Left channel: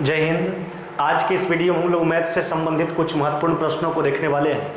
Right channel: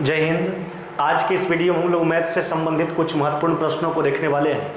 जय हिंद। आज के इस वीडियो में हम लोग मैथ से संबंधित कुछ महत्वपूर्ण प्रश्नों को देखने वाले हैं।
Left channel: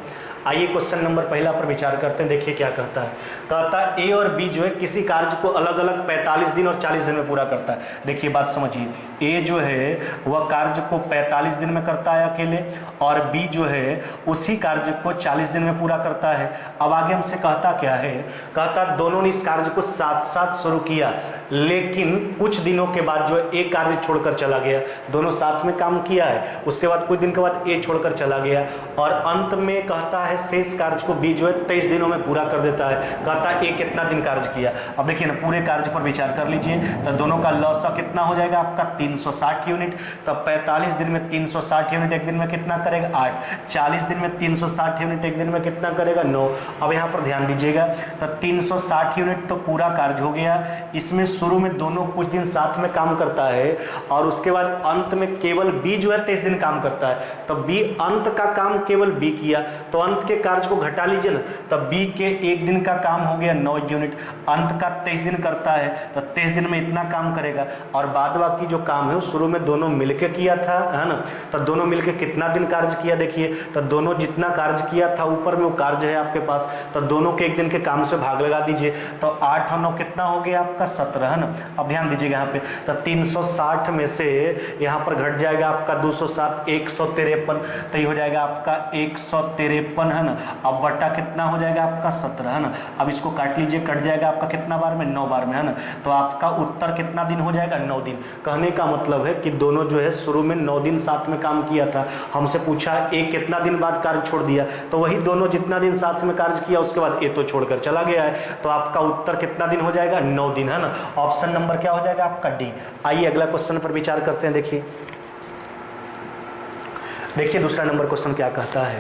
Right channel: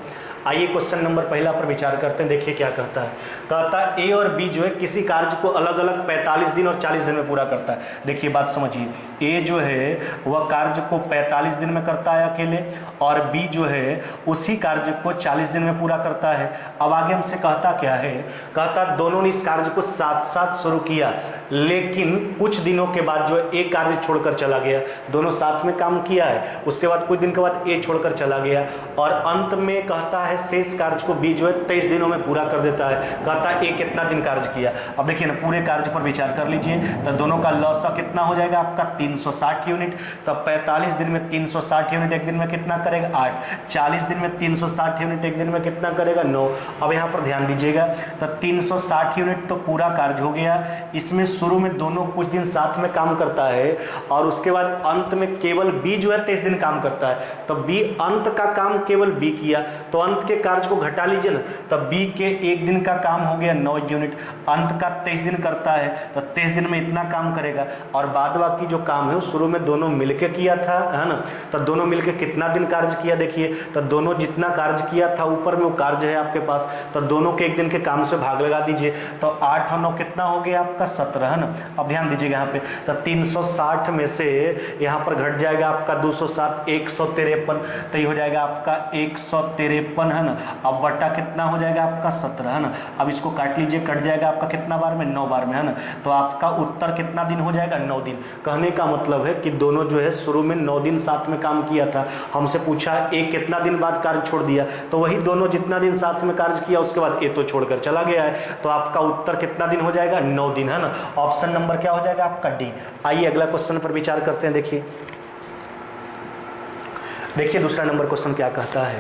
आइए क्वेश्चन नंबर पहला पर विचार करते हैं। देखिए क्या कहता है। कहता है ए और बी जो है किसी कार्य को अलग अलग 45 दिन और 40 दिन में पूरा करता है। देखिए बात समझिए, ए जो है वह कार्य को 45 दिन में करता है अकेले, और बी जो है उसी कार्य को 40 दिन में पूरा करता है। अब आगे हमसे कहता क्या है, कहता दोनों ने इस कार्य को साथ साथ शुरू किया, लेकिन कुछ दिनों के बाद जो है ए कार्य छोड़कर चला गया। दोनों साथ में काम किया है, उसके बाद कुछ दिन के बाद ए छोड़कर चला गया, और अंत में कहता है शेष कार्य को बी जो है 23 दिनों में पूरा कर देता है। कहता है ए कितना दिन कार्य किया। अब देखिए ना, पूरे कार्य पर विचार कर लीजिए, तो दोनों का लॉस कितना हो जाएगा आपका 360 यूनिट। तब 45 दिन में 360 यूनिट एक दिन में कितना करेगा 8, 40 दिन में 360 यूनिट एक दिन में कितना करेगा 9। अब यहाँ पर ध्यान दीजिएगा, तो 360 यूनिट तो पूरा कार्य हो गया। इसमें शुरू में दोनों कुछ दिन साथ में काम करता है, और उसके बाद अंत में केवल बी जो है 23 दिन काम करता है। तो बी अंत का काम केवल बी किया, तो अंत के कार्य को घटा लीजिए ना, तब बी के एक दिन का काम हो गया 9 यूनिट। अंत का 23 दिन करता है, तो 23 दिन में इतना काम करेगा, और बाद बाकी जो काम है वो शुरू में दोनों मिलके किया था, है ना। तो दोनों मिलके कितना दिन कार्य किया, देखिए तो दोनों जितना कार्य किया था ऊपर में वो कार्य है आपके पास, तो दोनों के एक दिन के काम से भाग लगा दीजिए, तो 8 और 9 कितना हो गया आपका 17, है ना। अब ध्यान दीजिएगा यहाँ पे, तो 360 में से यहाँ पर घट जाएगा आपका 207, 153, तो ये हो जाएगा आपका 153, है ना। अब बटा कितना हो जाएगा आपका 17, है ना। अब इसको काट लीजिए, कट जाएगा आपका कितना बार में 9 बार में, है ना। तो आपका उत्तर कितना दिन हो जाएगा 9 दिन। कहने का मतलब है कि दोनों जो है शुरू में 9 दिन साथ में काम किया था। हमसे पूछा एक कितना दिन बाद कार्य छोड़ दिया, तो वही दोनों जितना दिन साथ में कार्य किया उसके बाद ए तो छोड़कर चला गया है, तो आपका उत्तर कितना दिन हो जाएगा 9 दिन, है ना। ऑप्शन नंबर क्या हो जाएगा आपका डी। आइए अगला क्वेश्चन पर विचार करते हैं। देखिए दूसरा नंबर क्वेश्चन क्या कहता है।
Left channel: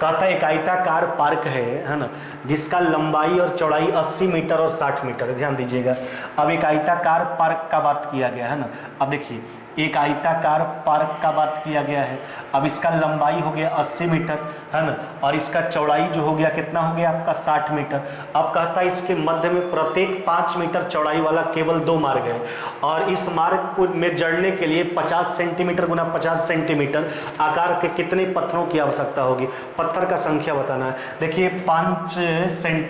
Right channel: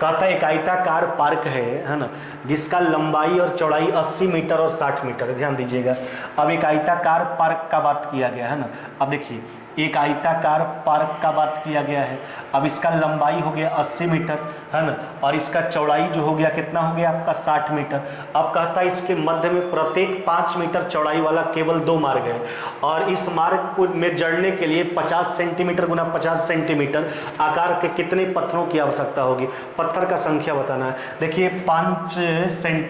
कहता है एक आयताकार पार्क है ना, जिसका लंबाई और चौड़ाई 80 मीटर और 60 मीटर। ध्यान दीजिएगा, अब एक आयताकार पार्क का बात किया गया है ना। अब देखिए एक आयताकार पार्क का बात किया गया है। अब इसका लंबाई हो गया 80 मीटर, है ना, और इसका चौड़ाई जो हो गया कितना हो गया आपका 60 मीटर। अब कहता है इसके मध्य में प्रत्येक 5 मीटर चौड़ाई वाला केवल 2 मार्ग है, और इस मार्ग को में जड़ने के लिए 50 सेंटीमीटर गुना 50 सेंटीमीटर आकार के कितने पत्थरों की आवश्यकता होगी। पत्थर का संख्या बताना है। देखिए 5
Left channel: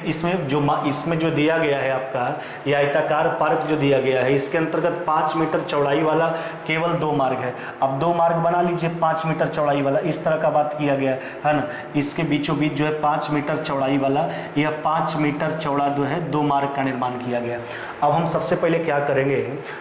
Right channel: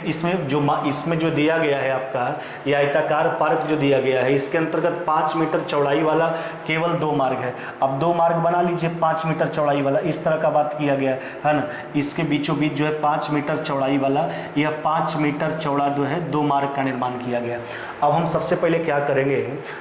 इसमें जो दिया गया है आपका ये आयताकार पार्क जो दिया गया है, इसके अंतर्गत 5 मीटर चौड़ाई वाला केवल 2 मार्ग है। अब 2 मार्ग बना लीजिए 5 मीटर चौड़ाई वाला, इस तरह का बात किया गया है ना। इसके बीचों बीच जो है 5 मीटर चौड़ाई वाला, यह 5 मीटर चौड़ा जो है 2 मार्ग का निर्माण किया गया। अब हम सबसे पहले क्या करेंगे,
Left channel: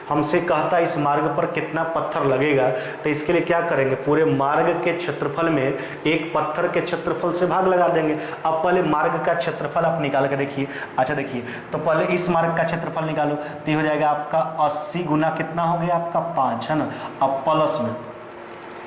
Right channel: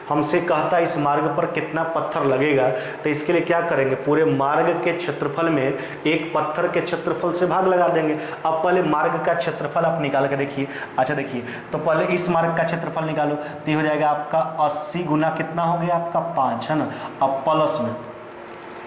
हमसे कहता है इस मार्ग पर कितना पत्थर लगेगा, तो इसके लिए क्या करेंगे, पूरे मार्ग के क्षेत्रफल में एक पत्थर के क्षेत्रफल से भाग लगा देंगे। अब पहले मार्ग का क्षेत्रफल आप निकाल के देखिए। अच्छा देखिए, तो पहले इस मार्ग का क्षेत्रफल निकालो, तो ये हो जाएगा आपका 80 गुना कितना हो गया आपका 5, है ना। अब प्लस में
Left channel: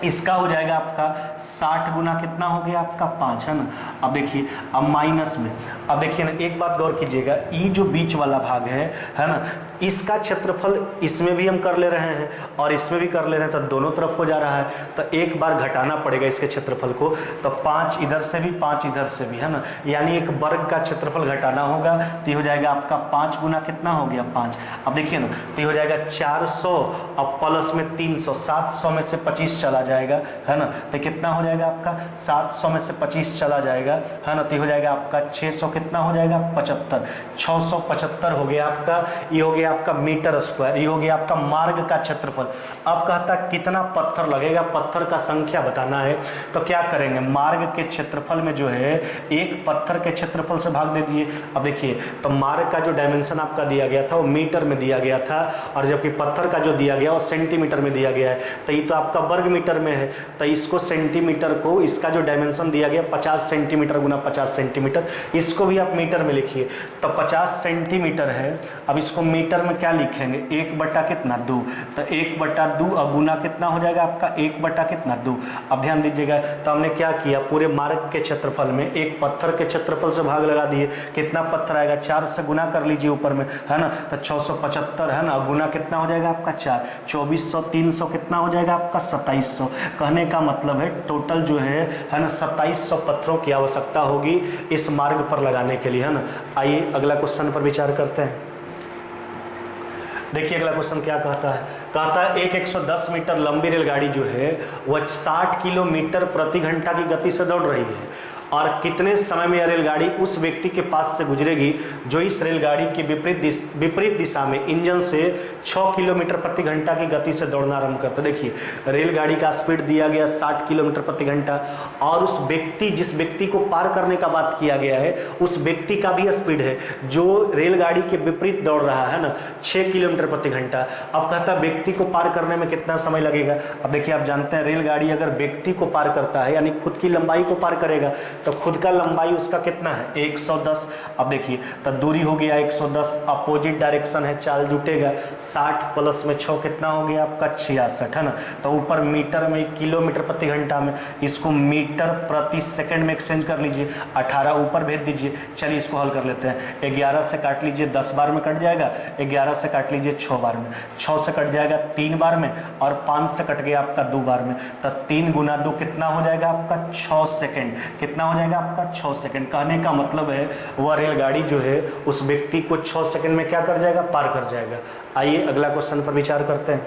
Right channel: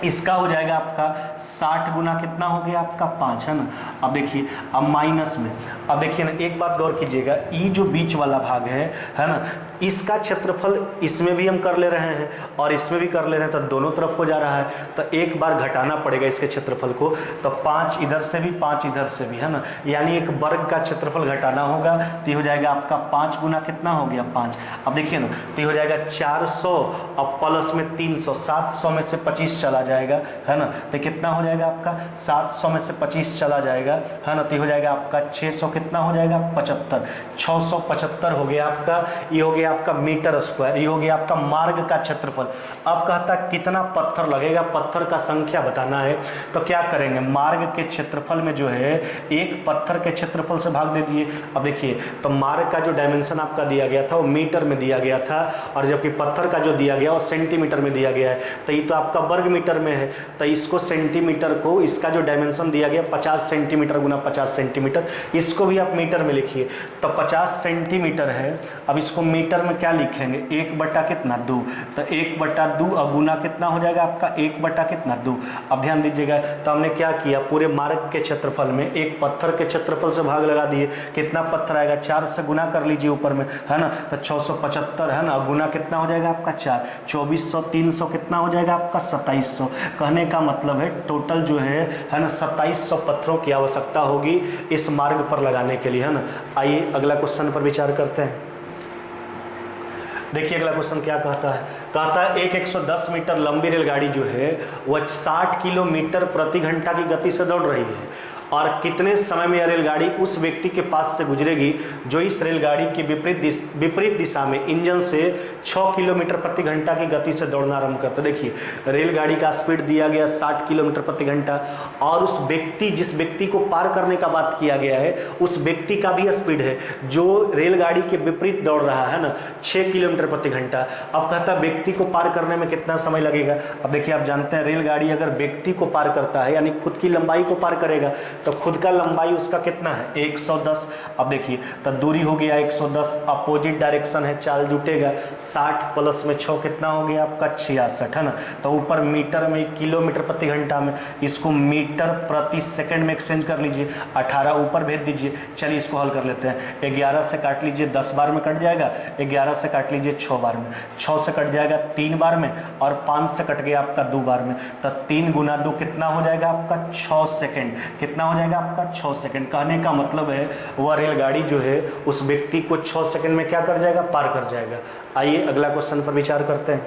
इसका हो जाएगा आपका 60 गुना कितना हो गया आपका 5, है ना। अब देखिए, अब माइनस में, अब देखिए ना एक बात गौर कीजिएगा, ई जो बीच वाला भाग है ना, इसका क्षेत्रफल इसमें भी हम कर ले रहे हैं और इसमें भी कर ले रहे हैं, तो दोनों तरफ हो जा रहा है, तो एक बार घटाना पड़ेगा इसके क्षेत्रफल को। तो 5 इधर से भी 5 इधर से भी, है ना, यानी एक वर्ग का क्षेत्रफल घटाना होगा, तो ये हो जाएगा आपका 5 गुना कितना हो गया 5। अब देखिए ना, तो ये हो जाएगा 400, अब प्लस में 300, 700 में से 25 चला जाएगा, है ना, तो कितना हो जाएगा आपका 700 में से 25 चला जाएगा, है ना, तो हो जाएगा आपका 600 कितना हो जाएगा 75, 675 हो गया आपका, ये हो गया आपका मीटर स्क्वायर, ये हो गया आपका मार्ग का क्षेत्रफल। अब कहता कितना पत्थर लगेगा, पत्थर का संख्या बताना है, तो क्या करेंगे, मार्ग के क्षेत्रफल में जो है एक पत्थर के क्षेत्रफल से भाग दे दिए। अब देखिए, तो मार्ग का जो डायमेंशन आपका दिया गया था वो मीटर में दिया गया था, और जबकि पत्थर का जो दिया गया वो सेंटीमीटर में दिया गया है, तो ये तो आपका वर्ग मीटर में है, तो इसको सेंटीमीटर को, इसका जो डायमेंशन दिया गया 50 सेंटीमीटर गुना 50 सेंटीमीटर, इसको भी आप मीटर में लिखिए। तो 50 सेंटीमीटर है, अब इसको मीटर में क्या लिखेंगे, 1 बटा कितना 2, तो 1 बटा 2 और गुना कितना हो जाएगा आपका 1 बटा कितना 2। अब ध्यान दीजिएगा, तो हमने क्या किया, पूरे मार्ग के क्षेत्रफल में एक पत्थर के क्षेत्रफल से भाग लगा दिए। कितना पत्थर आएगा, 4 से गुना कर लीजिए ऊपर में, है ना, तो 675, है ना, गुना कितना हो जाएगा आपका 4, 2400, 300 कितना हो जाएगा आपका 2700। कहने का मतलब है टोटल जो है ना 2700 पत्थरों की आवश्यकता होगी इस मार्ग पर लगाने के लिए, है ना। आइए अगला क्वेश्चन पर विचार करते हैं। देखिए अगला क्वेश्चन क्या कहता है, कहता है एक 110 मीटर लंबी रेलगाड़ी जो है वह 60 किलोमीटर प्रति घंटा की गति से दौड़ रही है और कितने समय में यह रेलगाड़ी उस व्यक्ति के पास से गुजरेगी जो इस रेलगाड़ी के विपरीत दिशा में इंजन से 6 किलोमीटर प्रति घंटा की गति से दौड़ना आरंभ करता है। देखिए रेलगाड़ी का स्पीड दिया गया 60 किलोमीटर प्रति घंटा और उस व्यक्ति जिस व्यक्ति को पार करने का बात किया गया है उस व्यक्ति का भी स्पीड है जो रेलगाड़ी के विपरीत दौड़ रहा है ना 6 किलोमीटर प्रति घंटा। अब कहता है व्यक्ति को पार करने में कितना समय लगेगा। अब देखिए आप जानते हैं रेलगाड़ी अगर व्यक्ति को पार करता है यानी खुद की लंबाई को पार करेगा तो खुद का लंबाई उसका कितना है 110। अब देखिए तो दूरी हो गया 110, अपोजिट डायरेक्शन है चाल जुटेगा 60 प्लस में 6 कितना हो गया आपका 66 है ना। तो ऊपर मीटर में किलोमीटर प्रति घंटा में इसको मीटर प्रति सेकंड में एक्सचेंज कर लीजिए, 18 ऊपर भेज दीजिए। चलिए इसको हल कर लेते हैं। 11 से काट लीजिए 10 बार में कट जाएगा, 11 से काट लीजिए 6 बार में, 6 से कट जाएगा 3 बार में और 5 से कट गया आपका 2 बार में। तो 3 गुना 2 कितना हो जाएगा आपका 6 सेकेंड, कितना हो जाएगा आपका 6 सेकंड। कहने का मतलब है वह रेलगाड़ी जो है उस व्यक्ति को 6 सेकंड में क्या कर जाएगा, पार कर जाएगा। आइए अगला क्वेश्चन पर विचार करते हैं।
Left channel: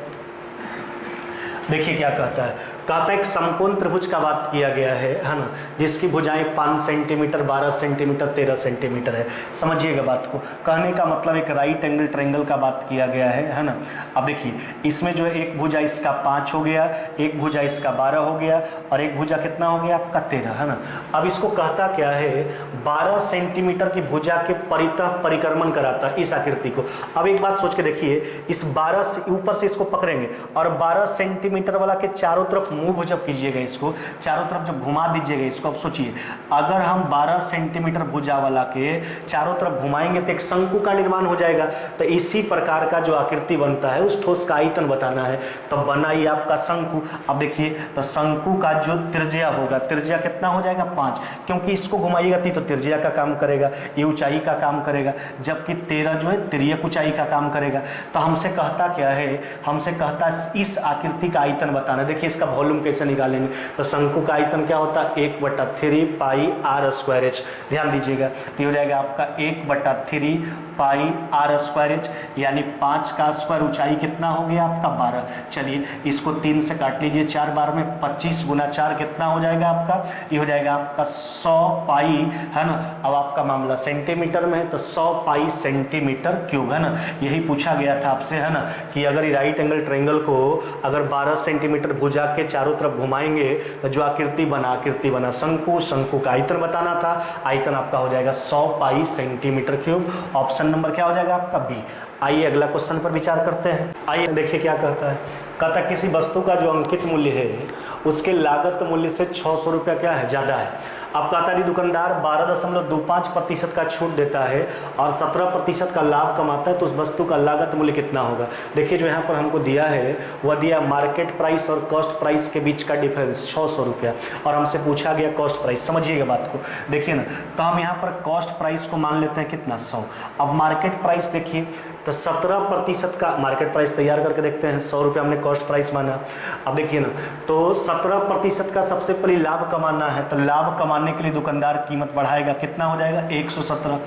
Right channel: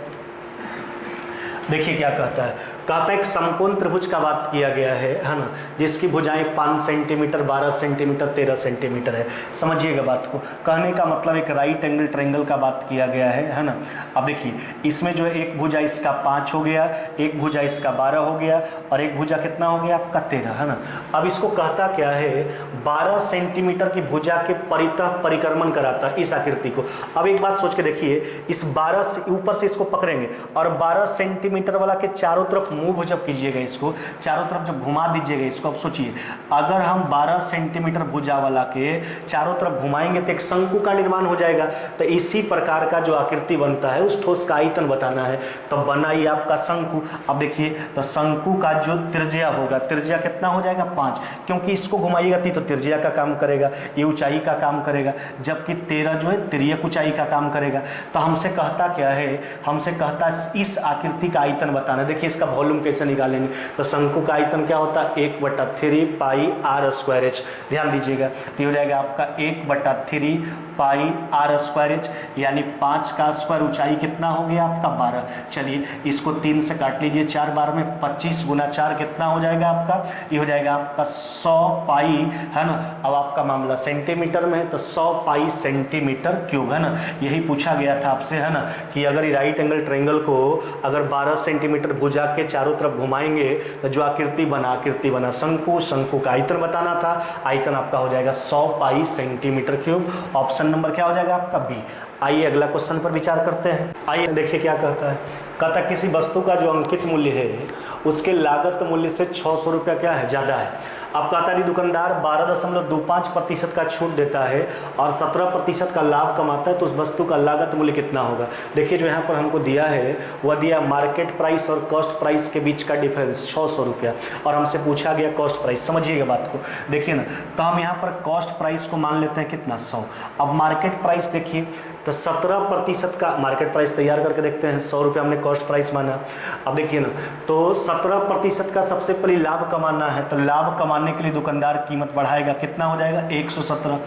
देखिए क्या कहता है, कहता है एक समकोण त्रिभुज का बात किया गया है ना, जिसकी भुजाएं 5 सेंटीमीटर 12 सेंटीमीटर 13 सेंटीमीटर है। समझिएगा बात को, कहने का मतलब एक राइट एंगल ट्रायंगल का बात किया गया है ना। अब देखिए इसमें जो है एक भुजा इसका 5 हो गया, एक भुजा इसका 12 हो गया और एक भुजा कितना हो गया आपका 13 है ना। अब इसको कहता क्या है 12 सेंटीमीटर की भुजा के परितः परिक्रमण कराता है इस आकृति को। अब एक बात सोच के देखिए, इस 12 से ऊपर से इसको पकड़ेंगे और 12 सेंटीमीटर वाला के चारों तरफ मूव जब कीजिएगा, इसको चारों तरफ जब घुमा दीजिएगा इसको। अब सोचिए अगर हम 12 सेंटीमीटर भुजा वाला के चारों तरफ घुमाएंगे तो एक शंकु का निर्माण हो जाएगा। तो इसी प्रकार का जो आकृति बनता है उस ठोस का आयतन बताना है, तो बनाइए आपका शंकु। अब देखिए तो शंकु का जो त्रिज्या होगा, त्रिज्या कितना हो जाएगा 5, क्योंकि इसको घुमाइएगा तो त्रिज्या का काम करेगा, ये ऊंचाई का काम करेगा, जबकि 13 जो है तिर्यक ऊंचाई का काम करेगा। तो हमसे कहता क्या है, हमसे कहता इस आकृति का आयतन बताना। देखिए इसका वॉल्यूम कैसे निकालेंगे, तो शंकु का आयतन क्या होता है 1/3 पाई आर स्क्वायर एच। ध्यान दीजिएगा तो हो जाएगा आपका 1/3 पाई आर स्क्वायर एच, यानी 5 का स्क्वायर ऊंचाई कितना हो गया आपका 12। चलिए इसको 3 से काट लीजिए 4 बार में, 25 गुना 4 कितना हो जाएगा आपका, ये हो जाएगा आपका 100 पाई है ना। अब आपका मामला सेंटीमीटर में है तो 100 पाई सेंटीमीटर क्यूब है ना। यही पूछा गया था आपसे है ना कि अगर राइट एंगल ट्रायंगल को अगर 12 सेंटीमीटर भुजा के चारों तरफ घुमाएंगे तो जो आकृति बना शंकु, शंकु का आयतन बताना था। आयतन आपका हो जाएगा 100 पाई सेंटीमीटर क्यूब। ऑप्शन नंबर क्या हो जाएगा आपका बी। आइए अगला क्वेश्चन पर विचार करते हैं। आइए देखिए क्या कहता है, कहता है किसी वस्तु का जो अंकित मूल्य है उसके लागत मूल्य से 600 रुपया क्या है ज़्यादा है। अब कहता है दुकानदार 12.25% का छूट देता है और 17% का लाभ कमाता है, तो उस वस्तु का लागत मूल्य कितना होगा। देखिए जो यहाँ पर हमको दिया है वह दिया मार्केट प्राइस और कॉस्ट प्राइस के बीच का डिफरेंस 600 रुपया, और हमसे पूछा गया कॉस्ट प्राइस। समझिएगा बात को, देखिए ना, तो हम यहाँ पर कॉस्ट प्राइस को मान लेते हैं कितना 100। अब मार्केट प्राइस देखिए तो 17% का मार्केट प्राइस तैयार करके देखते हैं, 100 रुपया हमने कॉस्ट प्राइस माना। अब देखिए ना, तो 17% का सबसे पहले लाभ कमाना है, तो लाभ कमाने के लिए दुकानदार कीमत बढ़ाएगा, कितना हो जाएगा 117।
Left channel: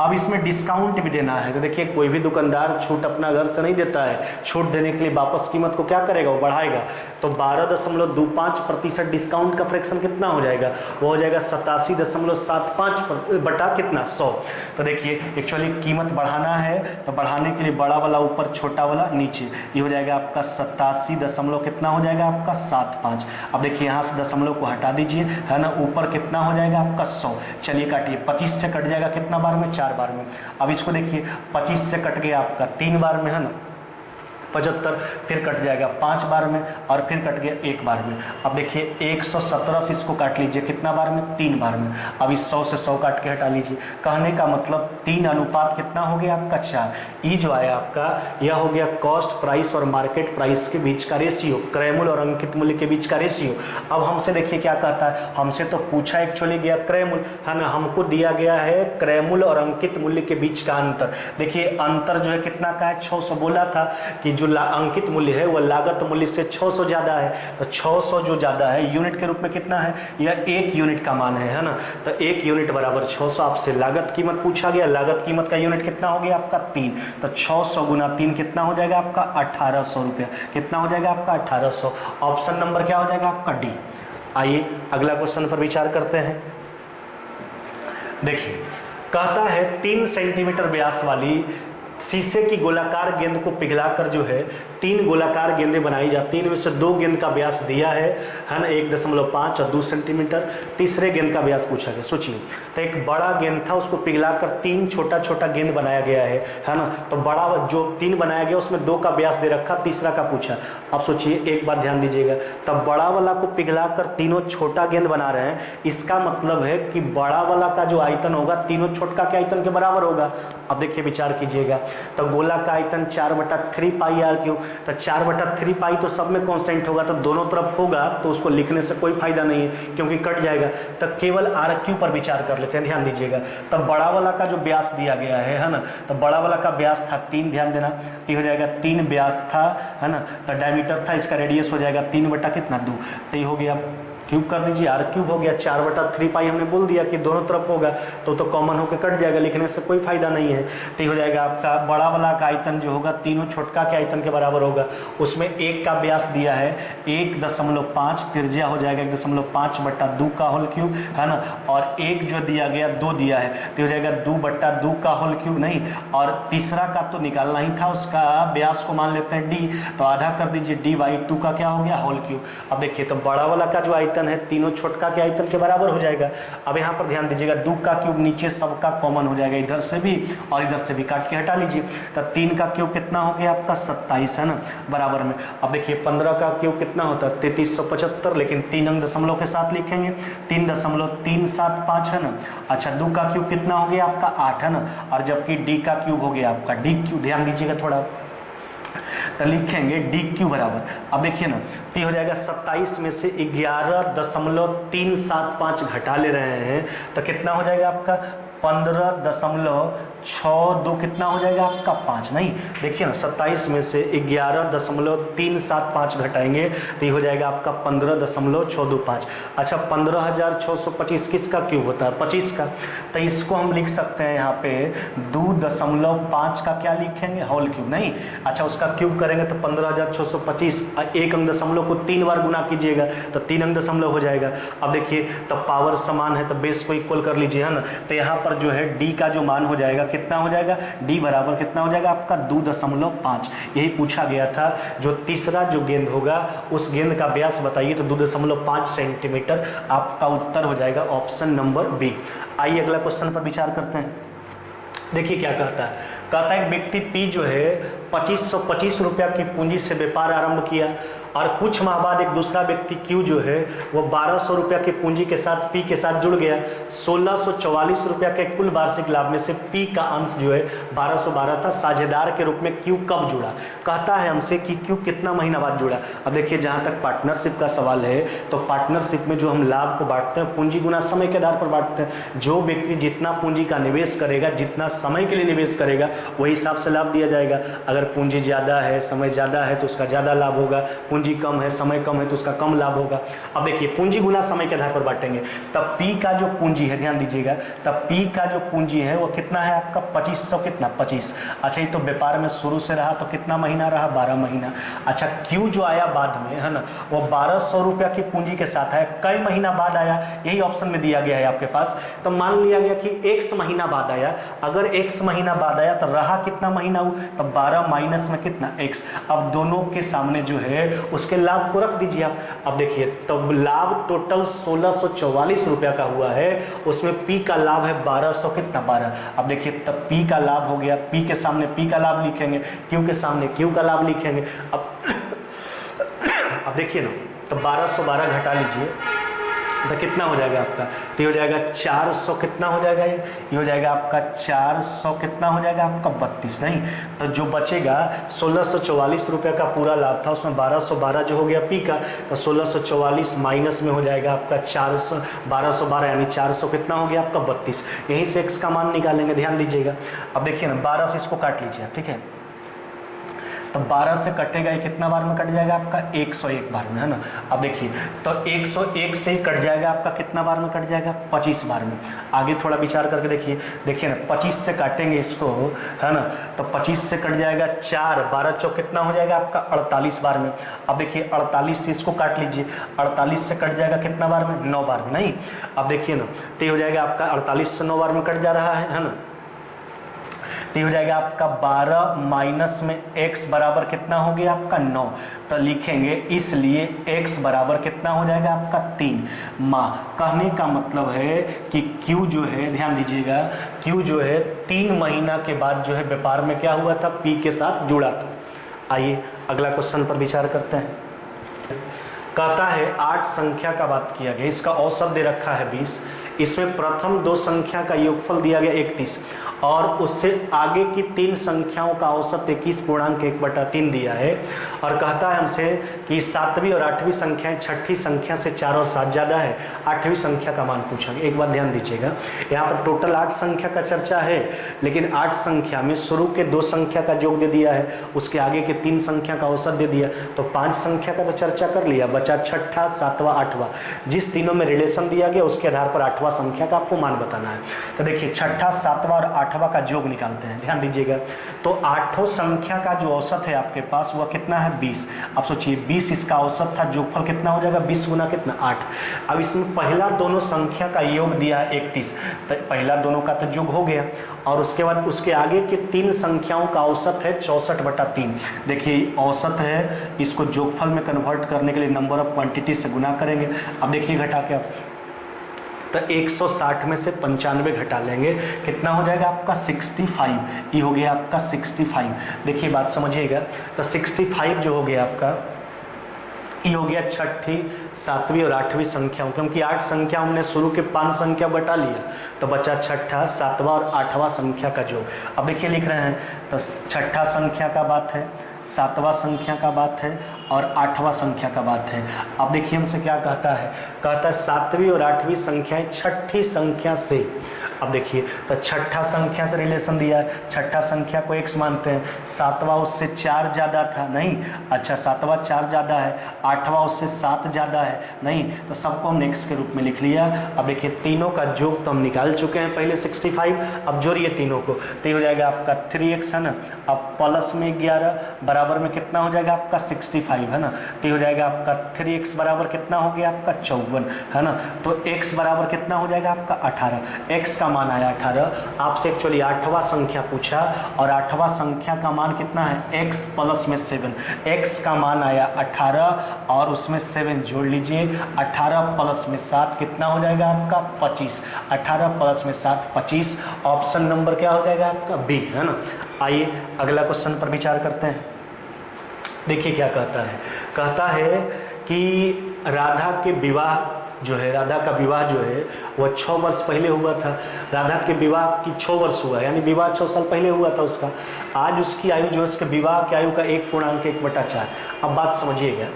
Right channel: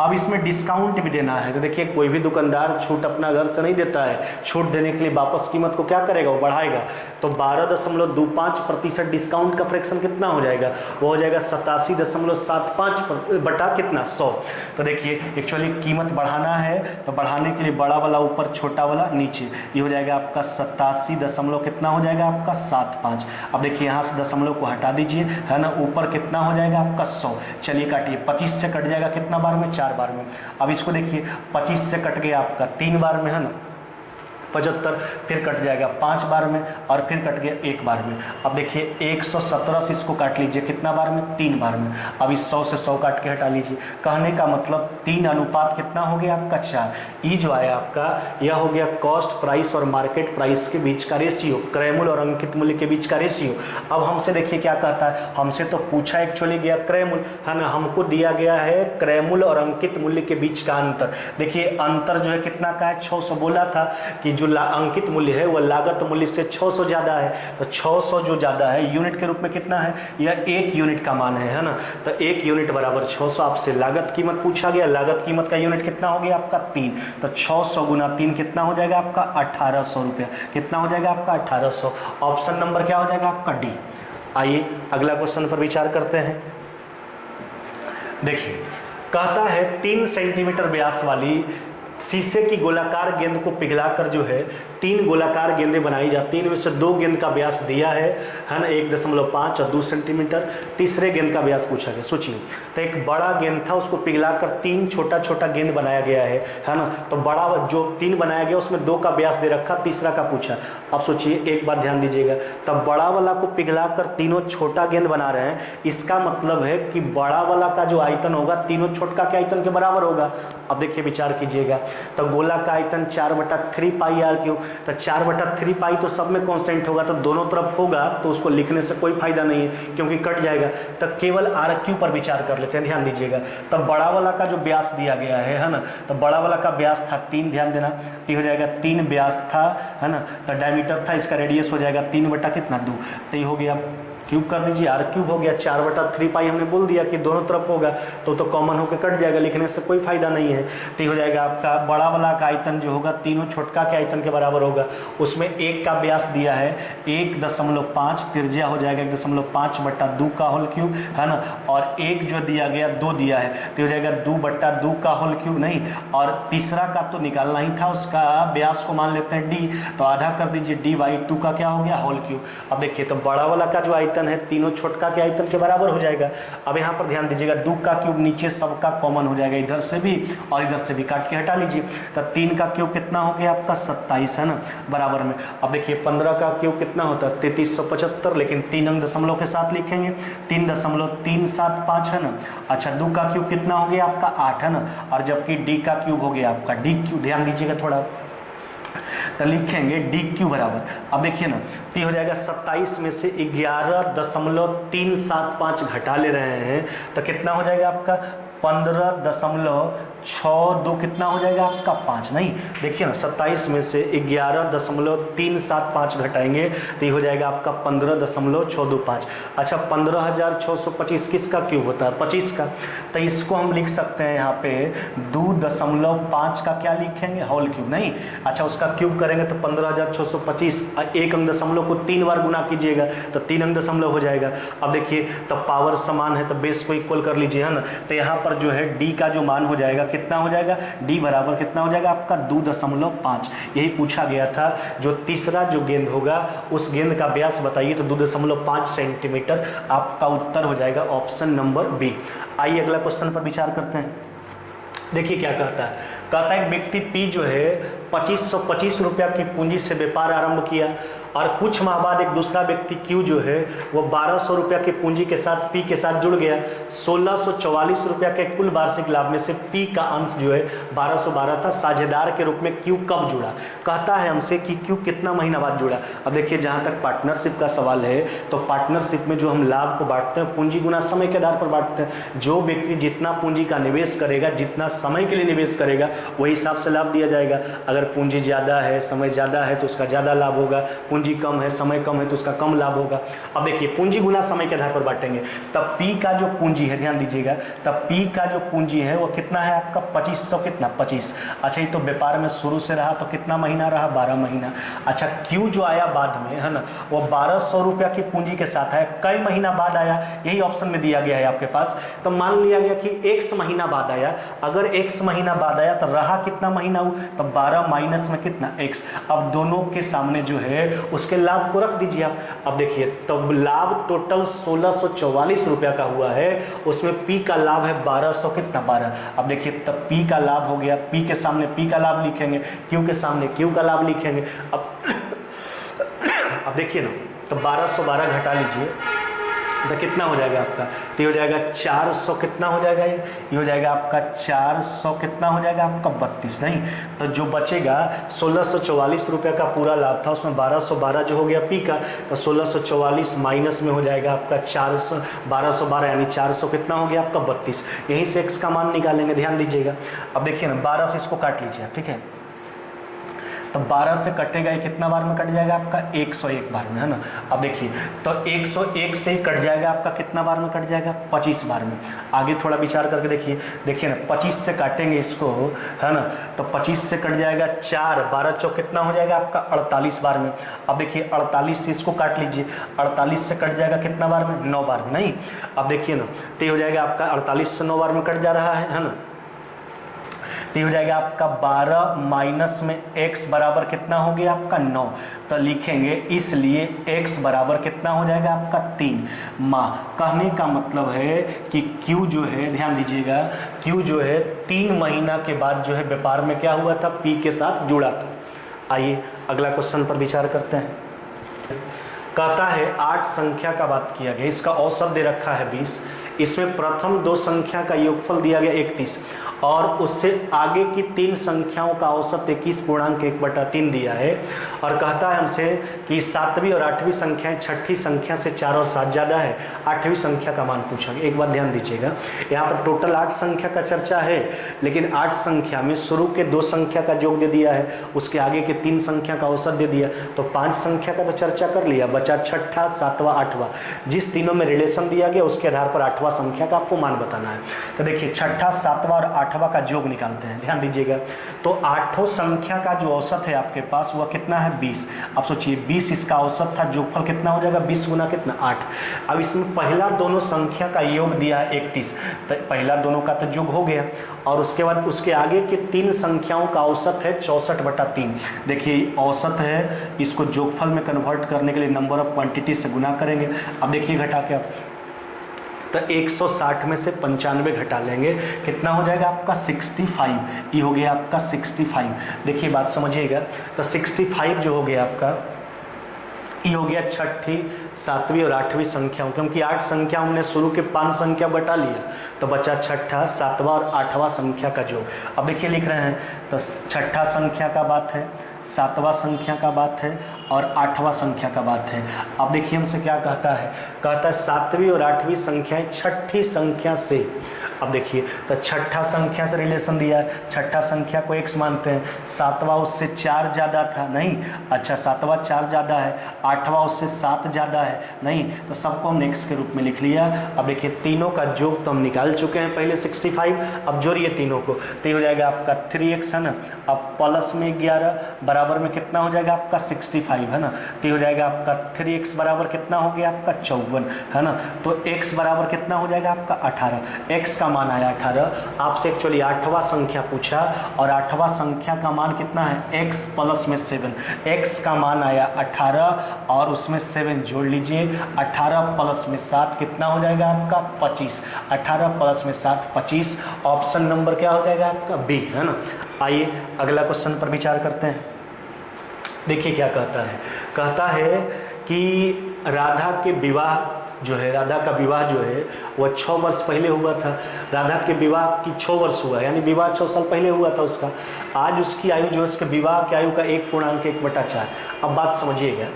अब इसमें डिस्काउंट भी देना है, तो देखिए कोई भी दुकानदार छूट अपना घर से नहीं देता है, छूट देने के लिए वापस कीमत को क्या करेगा, वो बढ़ाएगा। तो 12.25% डिस्काउंट का फ्रैक्शन कितना हो जाएगा, वो हो जाएगा 87.75 बटा कितना 100। तो देखिए एक्चुअली कीमत बढ़ाना है तो बढ़ाने के लिए बड़ा वाला ऊपर छोटा वाला नीचे, ये हो जाएगा आपका 87 कितना हो जाएगा आपका 75। अब देखिए यहाँ से दशमलव को हटा दीजिए है ना, ऊपर कितना हो जाएगा आपका 100। चलिए काटिए, 25 से कट जाएगा कितना बार में 4 बार में। अब इसको देखिए 25 से कट गया आपका 3 बार में है ना 75, फिर कट जाएगा 5 बार में और फिर कट गया 1 बार में। अब देखिए 117 से इसको काट लीजिए कितना बार में 3 बार में। अब इस 100 से 100 काट के हटा लीजिए, कहने का मतलब 3 अनुपात कितना हो गया आपका 4। ये जो आया आपका यह हो गया कॉस्ट प्राइस और मार्केट प्राइस के बीच का रेशियो, क्रय मूल्य और अंकित मूल्य के बीच का रेशियो। अब हमसे देखिए क्या कहता है, हमसे तो पूछा एक्चुअली गया क्रय मूल्य है ना, हमको दिया गया है क्रय मूल्य और अंकित मूल्य के बीच का अंतर। देखिए अंतर जो है कितना का है 600, बोला था कि जो अंकित मूल्य है वह लागत मूल्य से 600 ज़्यादा है, तो 600 जो ज़्यादा है यूनिट के रूप में कितना है, यह 1 यूनिट का मान है ना, तो 1 यूनिट बराबर 600। आपसे लागत कीमत पूछा गया, लागत कीमत का यूनिट कितना हो गया आपका 3, तो 600 गुना 3 कितना हो जाएगा आपका 1800 रुपया, कितना हो जाएगा आपका 1800। ऑप्शन नंबर क्या हो जाएगा आपका डी। आइए अगला क्वेश्चन पर विचार करते हैं। देखिए कहता है 3 सेंटीमीटर व्यास वाली शीशे की गोलाकार गेंद को पिघलाकर जो है 3 गोलाकार गेंदें बनाई जाती हैं, इनमें से 2 गेंद का व्यास दिया है ना 1.5 और 2 सेंटीमीटर, तीसरे गेंद का व्यास पूछा गया। सोचिए तो एक बड़ा गेंद था उसको पिघलाकर 3 छोटा छोटा गेंद बनाया गया है ना, तो बड़ा जो 3 बनाया गया उसमें 2 का व्यास दे रखा, तीसरा का पूछा। अब सोचिए एक बात ध्यान दीजिएगा, तब बड़ा वाला को पिघलाकर तीनों छोटा गेंद बना रहे हैं, इसका मतलब है कि बड़ा वाला का जो आयतन होगा तीनों छोटा के आयतन के बराबर होगा। अब देखिए विचार कीजिएगा, तो गोला का आयतन 4/3 पाई आर क्यूब, तो 4/3 पाई तो सब में कांस्टेंट होगा, तो दोनों तरफ होगा, तो उसको लिखने से कोई फायदा नहीं है क्योंकि कट जाएगा, तो केवल आर क्यू पर विचार कर लेते हैं। ध्यान दीजिएगा, तब बड़ा वाला का जो व्यास दिया गया है ना, तो बड़ा वाला का व्यास था 3, ध्यान देना, ये हो जाएगा 3 व्यास था है ना, तो डायमीटर था, इसका रेडियस हो जाएगा 3/2, तो ये हो गया क्यूब कर दीजिए, आर क्यूब हो गया। 4/3 पाई हमने बोल दिया कि दोनों तरफ होगा, तो कॉमन होकर कट जाएगा, लिखने से कोई फायदा नहीं है। तो हो जाएगा आपका बड़ा वाला का आयतन जो होगा तीनों छोटका के आयतन के बराबर होगा, उसमें 1 का व्यास दिया है 1.5, त्रिज्या हो जाएगा 1.5/2 का होल क्यूब है ना, और 1 जो दिया गया 2 दिया है, तो हो जाएगा 2/2 का होल क्यूब नहीं, और तीसरा का तो निकालना ही था, उसका व्यास को मान लेते हैं d, तो आधा कर दीजिए d/2 का क्या हो गया होल क्यूब। अब देखिए तो बड़ा वाला का जो आयतन है तीनों छोटका के आयतन के बराबर हो जाएगा। अब यहाँ पर ध्यान दीजिएगा 2 का क्यूब नीचे सबका कॉमन हो जाएगा, इधर से भी और इधर से भी काट के हटा लीजिए, तो 3 का क्यूब कितना हो गया आपका 27 है ना, बराबर में। अब देखिए 15 का क्यूब कितना होता है 3375, लेकिन 3 अंक दशमलव के साथ लिखेंगे, 3.375 है ना। अच्छा 2 का क्यूब कितना हो गया आपका 8 है ना, और जबकि डी का क्यूब हो गया आपका डी क्यूब, ध्यान दीजिएगा थोड़ा, तो लिखेंगे डी क्यू बराबर। अब देखिए ना, तो हो जाएगा 27 में से 11.375 घटा ले रहे हैं, तो कितना हो जाएगा आपका 15.62 कितना हो जाएगा आपका 5, नहीं देखिए ना 27 में से 11.375 घटाएंगे तो ये हो जाएगा आपका 15.625। अच्छा 15,625 किसका क्यूब होता है 25 का, तो इसको हम लिख सकते हैं यहाँ पे 2.5 का क्या लिखेंगे होल क्यूब, नहीं अच्छा उसका क्यूब करेंगे तो 15,625, एक अंक दशमलव को 3 बार गुना कीजिएगा तो 3 अंक दशमलव हो जाएगा। अब देखिए तो पावर समान है तो बेस को इक्वल कर लीजिए है ना, तो यहाँ पर जो है डी का जो मान हो जाएगा कितना हो जाएगा, डी बराबर कितना हो जाएगा आपका 2.5, यही पूछा गया था। जो तीसरा जो गेंद होगा उस गेंद का व्यास बताइए, तो 2.5 सेंटीमीटर आपका उत्तर हो जाएगा ऑप्शन नंबर बी। आइए अगला क्वेश्चन पर विचार करते हैं। देखिए क्या कहता है, कहता है एक व्यक्ति पी जो है 2525 रुपया की पूंजी से व्यापार आरंभ किया और कुछ माह बाद एक दूसरा व्यक्ति क्यू जो है वो 1200 रुपया की पूंजी के साथ पी के साथ जुड़ गया। 1644 रुपया के कुल वार्षिक लाभ में से पी का अंश जो है 1212 था। साझेदार के रूप में क्यू कब जुड़ा, कहता है हमसे कि क्यू कितना महीना बाद जुड़ा। अब देखिए जहाँ तक पार्टनरशिप का सवाल है तो पार्टनरशिप में जो हम लाभ को बांटते हैं पूंजी गुना समय के आधार पर बांटते हैं। जो व्यक्ति जितना पूंजी का निवेश करेगा, जितना समय के लिए निवेश करेगा, वही हिसाब से लाभ दिया जाएगा। अगर पूंजी ज़्यादा है, समय ज़्यादा है तो उसका ज़्यादा लाभ होगा, पूंजी कम है, समय कम है तो उसका कम लाभ होगा। अब देखिए पूंजी गुना समय के आधार पर बांटेंगे, तब पी का जो पूंजी है, ध्यान दीजिएगा, तब पी का जो पूंजी है वो कितना है आपका 2500, कितना 25। अच्छा ये तो व्यापार में शुरू से रहा तो कितना महीना रहा 12 महीना। अच्छा क्यू जो आया बाद में है ना, वो 1200 रुपया की पूंजी के साथ है, कई महीना बाद आया, यही ऑप्शन में दिया गया है आपके पास। तो मान लिया गया कि x महीना बाद आया, अगर x महीना बाद आया तो रहा कितना महीना हो, तब 12 माइनस में कितना x। अब दोनों के सामने जो है उसके लाभ को रख दीजिए आप। अब देखिए तो लाभ टोटल 1644 रुपया का हुआ है, उसमें पी का लाभ है 1200 कितना 12। अब देखिए तब पी का लाभ हो गया, पी के सामने पी का लाभ लिखेंगे, क्यू के सामने क्यू का लाभ लिखेंगे। अब देखिए ना, तो 1212 घटा लीजिए तो कितना हो जाएगा आपका, तो ये हो जाएगा 400 कितना हो जाएगा, ये हो जाएगा आपका 400 कितना हो जाएगा आपका 32, नहीं तो जो बचेगा 1644 रुपया का पूरा लाभ था, उसमें 1212 जो हो गया पी का, तो 1644 माइनस में हो जाएगा आपका 400, 1212 यानी 400 कितना हो गया आपका 32। यहीं से x का मान निकालेंगे, ध्यान दीजिएगा। अब देखिए ना 12 से इसको काट लीजिए, ठीक है, तो 12 से कटेगा ये कितना बार में कट जाएगा आपका 101 बार में, है ना। अब देखिए तो 101 से ही कट जाएगा आपका कितना बार में कट जाएगा 25 बार में। आगे थोड़ा विचार करके देखिए ना 25 से काटेंगे इसको, है ना, तो 25 से कट जाएगा 4, 12 चौक कितना हो जाएगा आपका 48 बार में। अब देखिए 48 से इसको काट लीजिए, 48 से कट जाएगा कितना बार में 9 बार में, नहीं। अब देखिए ना तो ये हो जाएगा आपका 48 से 9 बार में कट जा रहा है ना। तो हो जाएगा आपका 12 माइनस में x बराबर कितना हो गया आपका 9, तो लिखेंगे इसलिए x बराबर कितना हो जाएगा आपका 3 माह। कहने का मतलब है कि Q जो है, ध्यान दीजिएगा, Q जो है 3 महीना के बाद जो है व्यापार में क्या हुआ था, P के साथ जुड़ा था। आइए अगला क्वेश्चन पर विचार करते हैं। कहता है 8 संख्या का बात किया गया, इसका औसत दे रखा है 20, इसमें प्रथम 2 संख्या का योगफल दिया गया 31 और उससे आगे की 3 संख्याओं का औसत 21.1/3 दिया है। और कहता है हमसे कि 7वीं और 8वीं संख्याएं 6ठी संख्या से 4 और 7 ज़्यादा है, 8वीं संख्या का मान पूछा गया। एक बात ध्यान दीजिएगा, यहाँ पर टोटल 8 संख्या का चर्चा है, लेकिन 8 संख्या में शुरू के 2 संख्या का योग दे दिया है, उसके आगे के 3 संख्या का औसत दे दिया, तो 5 संख्या का तो चर्चा कर लिया, बचा 6ठा 7वां 8वां। जिस तीनों में रिलेशन दिया गया उसके आधार पर 8वां संख्या का आपको मान बताना है। तो देखिए 6ठा 7वां और 8वां का योग निकालते हैं, ध्यान दीजिएगा। तो 8ठों संख्या का जो औसत है आपके पास वह कितना है 20। अब सोचिए 20 इसका औसत था, योगफल कितना हो जाएगा 20 गुना कितना 8। अब इसमें पहला दोनों संख्या का योग दिया है 31, तो पहला दोनों का तो योग हो गया, और उसके बाद उसके आगे के 3 संख्याओं का औसत है 64/3। देखिए औसत है, इसको योगफल में कन्वर्ट करने के लिए नंबर ऑफ क्वांटिटी से गुना करेंगे। अब देखिए घटा के आप तो 160 में से 95 घटा लेंगे, कितना हो जाएगा आपका 65। ये हो गया आपका 65। देखिए बात समझिएगा, तो 65 जो हो गया आपका, ये हो गया 6ठी 7वीं और 8वीं संख्याओं, क्योंकि 8 संख्या हमने शुरू के 5 संख्या बटा लिया, तो बचा 6ठा 7वां और 8वां संख्या का योग। अब देखिए लिख रहे हैं, तो 6ठा संख्या का बात है, 7वां संख्या का बात है और 8वां संख्या का बात है। अब देखिए हमसे क्या कहता है, कहता है 7वीं और 8वीं संख्याएं 6ठी संख्या से। अब देखिए तो 6ठा संख्या से रिलेशन दिया है, 6ठा संख्या को x मानते हैं, 7वां उससे 4 ज़्यादा था, नहीं, अच्छा 7वां 4 ज़्यादा है, 8वां उससे 7 ज़्यादा है, नहीं, तो सबको हमने x के रूप में लिख लिया। अब देखिए तीनों का योग तो हम निकाल चुके हैं पहले 65, अब जोड़िए तीनों को, तो ये हो जाएगा आपका 3x, है ना। अब प्लस में 11 बराबर में कितना हो जाएगा आपका 65, है ना, तो ये हो जाएगा आपका 3x बराबर कितना हो गया आपका 54, है ना। तो x बराबर कितना हो जाएगा आपका 18, x का मान आया 18। आपसे एक्चुअली 8वां संख्या पूछा और 8वां संख्या का मान कितना है x प्लस में 7, x का मान आया 18 और उसमें 7 जोड़ लीजिए, 18 प्लस में 7 कितना हो जाएगा आपका 25, 18 प्लस में 7 25। ऑप्शन नंबर क्या हो जाएगा आपका बी, है ना। आइए अगला क्वेश्चन पर विचार करते हैं। देखिए क्या कहता है, कहता है कि राधा के विवाह जो है, राधा का विवाह जो है वह 6 वर्ष पहले हुआ था। राधा के विवाह की 6 वर्ष हुआ, यानी विवाह 6 साल पहले हुआ था उसका। आज उसकी आयु जो है, उसके विवाह की आयु का 1.1/4। अब बात समझिएगा,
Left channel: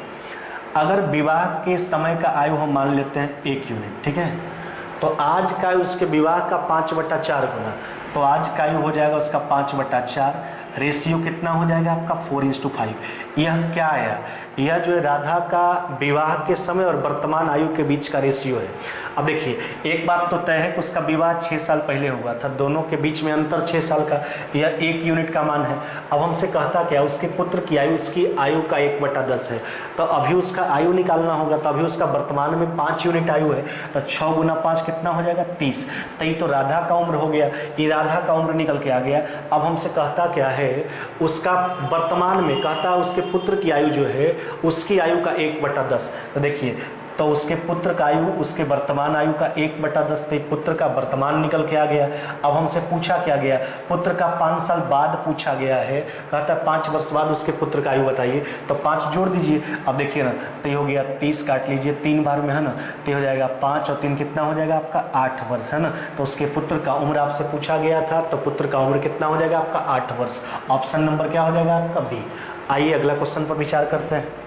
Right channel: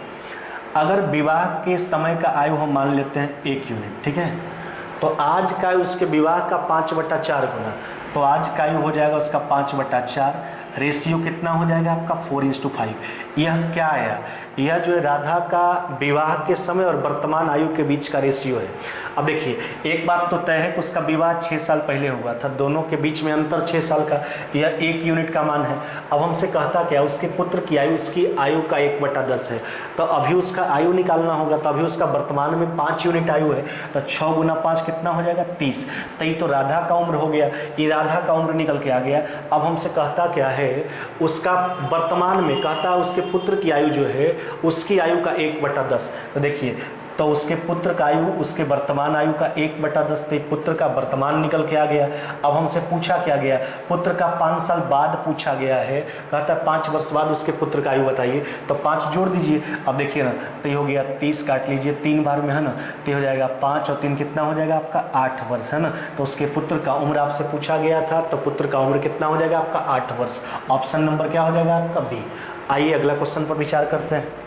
अगर विवाह के समय का आयु हम मान लेते हैं 1 यूनिट, ठीक है, तो आज का उसके विवाह का 5/4 गुना, तो आज का आयु हो जाएगा उसका 5/4। रेशियो कितना हो जाएगा आपका 4:5। यह क्या आया, यह जो है राधा का विवाह के समय और वर्तमान आयु के बीच का रेशियो है। अब देखिए एक बात तो तय है कि उसका विवाह 6 साल पहले हुआ था, दोनों के बीच में अंतर 6 साल का, यह 1 यूनिट का मान है। अब हमसे कहता क्या, उसके पुत्र की आयु, उसकी आयु का 1/10 है, तो अभी उसका आयु निकालना होगा, तो अभी उसका वर्तमान में 5 यूनिट आयु है, तो 6 गुना 5 कितना हो जाएगा 30। तो ये तो राधा का उम्र हो गया, ये राधा का उम्र निकल के आ गया। अब हमसे कहता क्या है, उसका वर्तमान में कहता है उसके पुत्र की आयु जो है उसकी आयु का 1/10। तो देखिए तो उसके पुत्र का आयु उसके वर्तमान आयु का 1/10, तो पुत्र का वर्तमान निकल के आ गया। अब हमसे पूछा क्या गया, पुत्र का 5 साल बाद पूछा गया है, कहता है 5 वर्ष बाद उसके पुत्र का आयु बताइए, तो 5 जोड़ दीजिए। अब देखिए ना, तो ये हो गया 30 काट लीजिए 3 बार में, है ना, तो हो जाएगा 5 और 3 कितना हो जाएगा आपका 8 वर्ष, है ना। तो उसके पुत्र का उम्र आपसे पूछा गया था, तो पुत्र का उम्र कितना हो जाएगा आपका 8 वर्ष। ऑप्शन नंबर क्या हो जाएगा आपका बी। आइए अगला क्वेश्चन पर विचार करते हैं।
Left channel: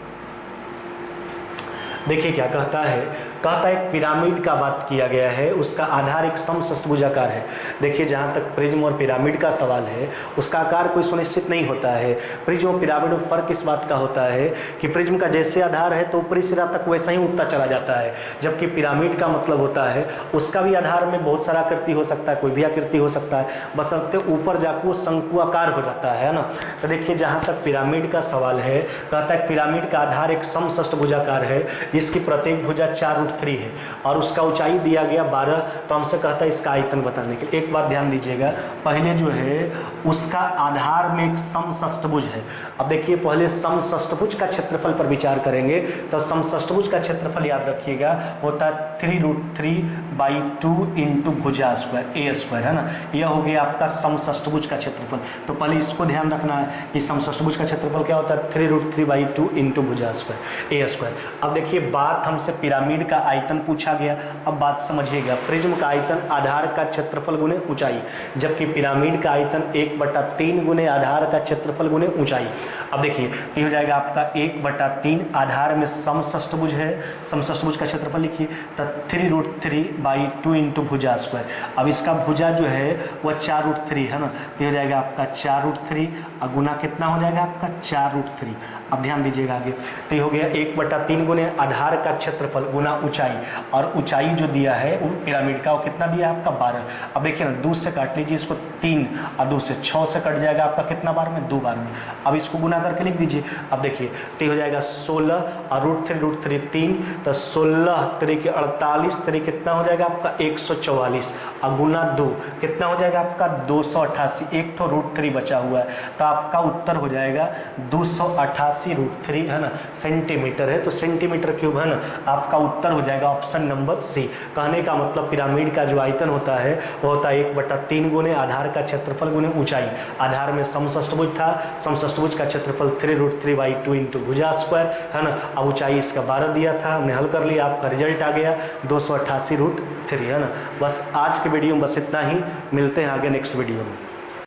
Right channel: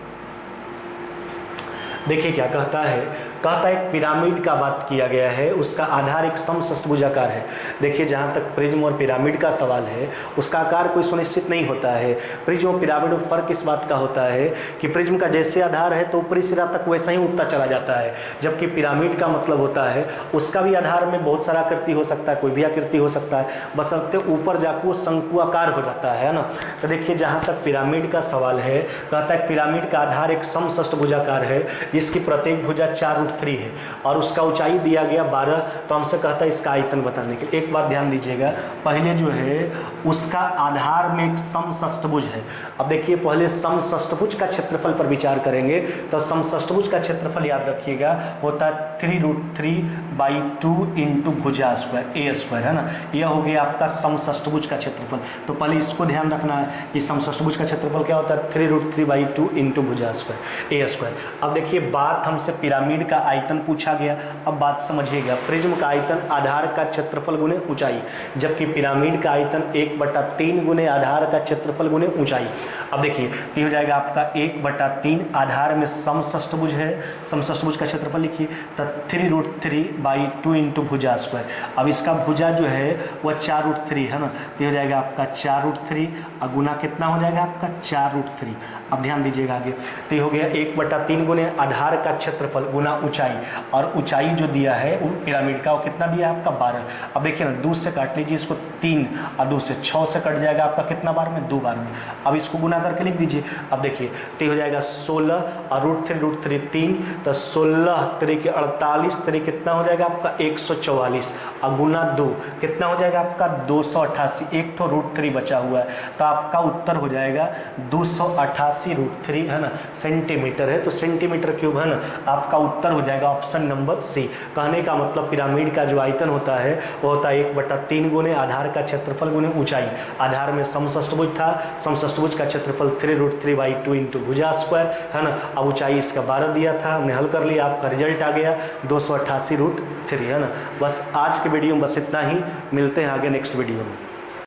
देखिए क्या कहता है, कहता है एक पिरामिड का बात किया गया है, उसका आधार एक समषष्ठभुजाकार है। देखिए जहाँ तक प्रिज्म और पिरामिड का सवाल है उसका आकार कोई सुनिश्चित नहीं होता है। प्रिज्म और पिरामिड में फर्क इस बात का होता है कि प्रिज्म का जैसे आधार है तो ऊपरी सिरा तक वैसा ही उठता चला जाता है, जबकि पिरामिड का मतलब होता है उसका भी आधार में बहुत सारा आकृति हो सकता है, कोई भी आकृति हो सकता है, बशर्ते ऊपर जाकर वो शंकुआकार हो जाता है ना। तो देखिए जहाँ तक पिरामिड का सवाल है, कहता है पिरामिड का आधार एक समषष्ठभुजाकार है जिसकी प्रत्येक भुजा 4√3 है और उसका ऊंचाई दिया गया 12। तो हमसे कहता है इसका आयतन बताने के लिए एक बात ध्यान दीजिएगा, पहले जो है उसका आधार में एक समषष्ठभुज है। अब देखिए पहले समषष्ठभुज का क्षेत्रफल पर विचार करेंगे तो समषष्ठभुज का क्षेत्रफल याद रखिएगा होता है 3√3/2 इंटू भुजा स्क्वायर ए स्क्वायर, है ना। यह हो गया आपका समषष्ठभुज का क्षेत्रफल। तो पहले इसको ध्यान रखना है कि समषष्ठभुज का क्षेत्रफल क्या होता है 3√3/2 इंटू भुजा स्क्वायर ए स्क्वायर। अब देखिए बात हमसे पिरामिड का आयतन पूछा गया, अब बात समझिएगा, प्रिज्म का आयतन आधार का क्षेत्रफल गुने ऊंचाई, जबकि पिरामिड का आयतन 1/3 गुने आधार का क्षेत्रफल गुने ऊंचाई। अब देखिए ये हो जाएगा आपका 1/3, आधार में समषष्ठभुज है, समषष्ठभुज का क्षेत्रफल लिखिए तो 3√3/2 इंटू भुजा स्क्वायर। अब इसका भुजा जो है वह 4√3 है ना, तो हो जाएगा आपका 4√3 और गुना कितना हो जाएगा आपका 4√3। अब ध्यान दीजिएगा आगे, तो ये हो गया 1/3 गुने आधार का क्षेत्रफल गुना ऊंचाई, और ऊंचाई जो दिया है वो पिरामिड का वो कितना दिया है आपका 12। अब देखिए ना 2 से काट लीजिए इसको 3 और 2 से 6 से कट जाएगा आपका कितना बार में 2 बार में। अब इसको गुना करके लिख दीजिए। अब देखिए तो हो जाएगा 16 और √3 3, तो 16 3 48 3 कितना हो जाएगा आपका 144 और गुना 2 कितना हो जाएगा आपका 288, एक तो √3 बचा हुआ है, तो आपका उत्तर हो जाएगा 288√3, है ना, सेंटीमीटर है, तो सेंटीमीटर क्यूब, है ना, आपका उत्तर हो जाएगा ऑप्शन नंबर सी। कहने का मतलब पिरामिड का जो आयतन होता है वो होता है 1/3 गुने आधार का क्षेत्रफल गुने ऊंचाई। आधार में समषष्ठभुज था, समषष्ठभुज का क्षेत्रफल 3√3/2 इंटू भुजा स्क्वायर, है ना। अब ऊंचाई इसका 12 दिया था, हमने हल कर लिया, आपका रिजल्ट आ गया 288√3, है ना। बस आज के वीडियो में बस इतना ही, मिलते हैं आगे नेक्स्ट वीडियो में।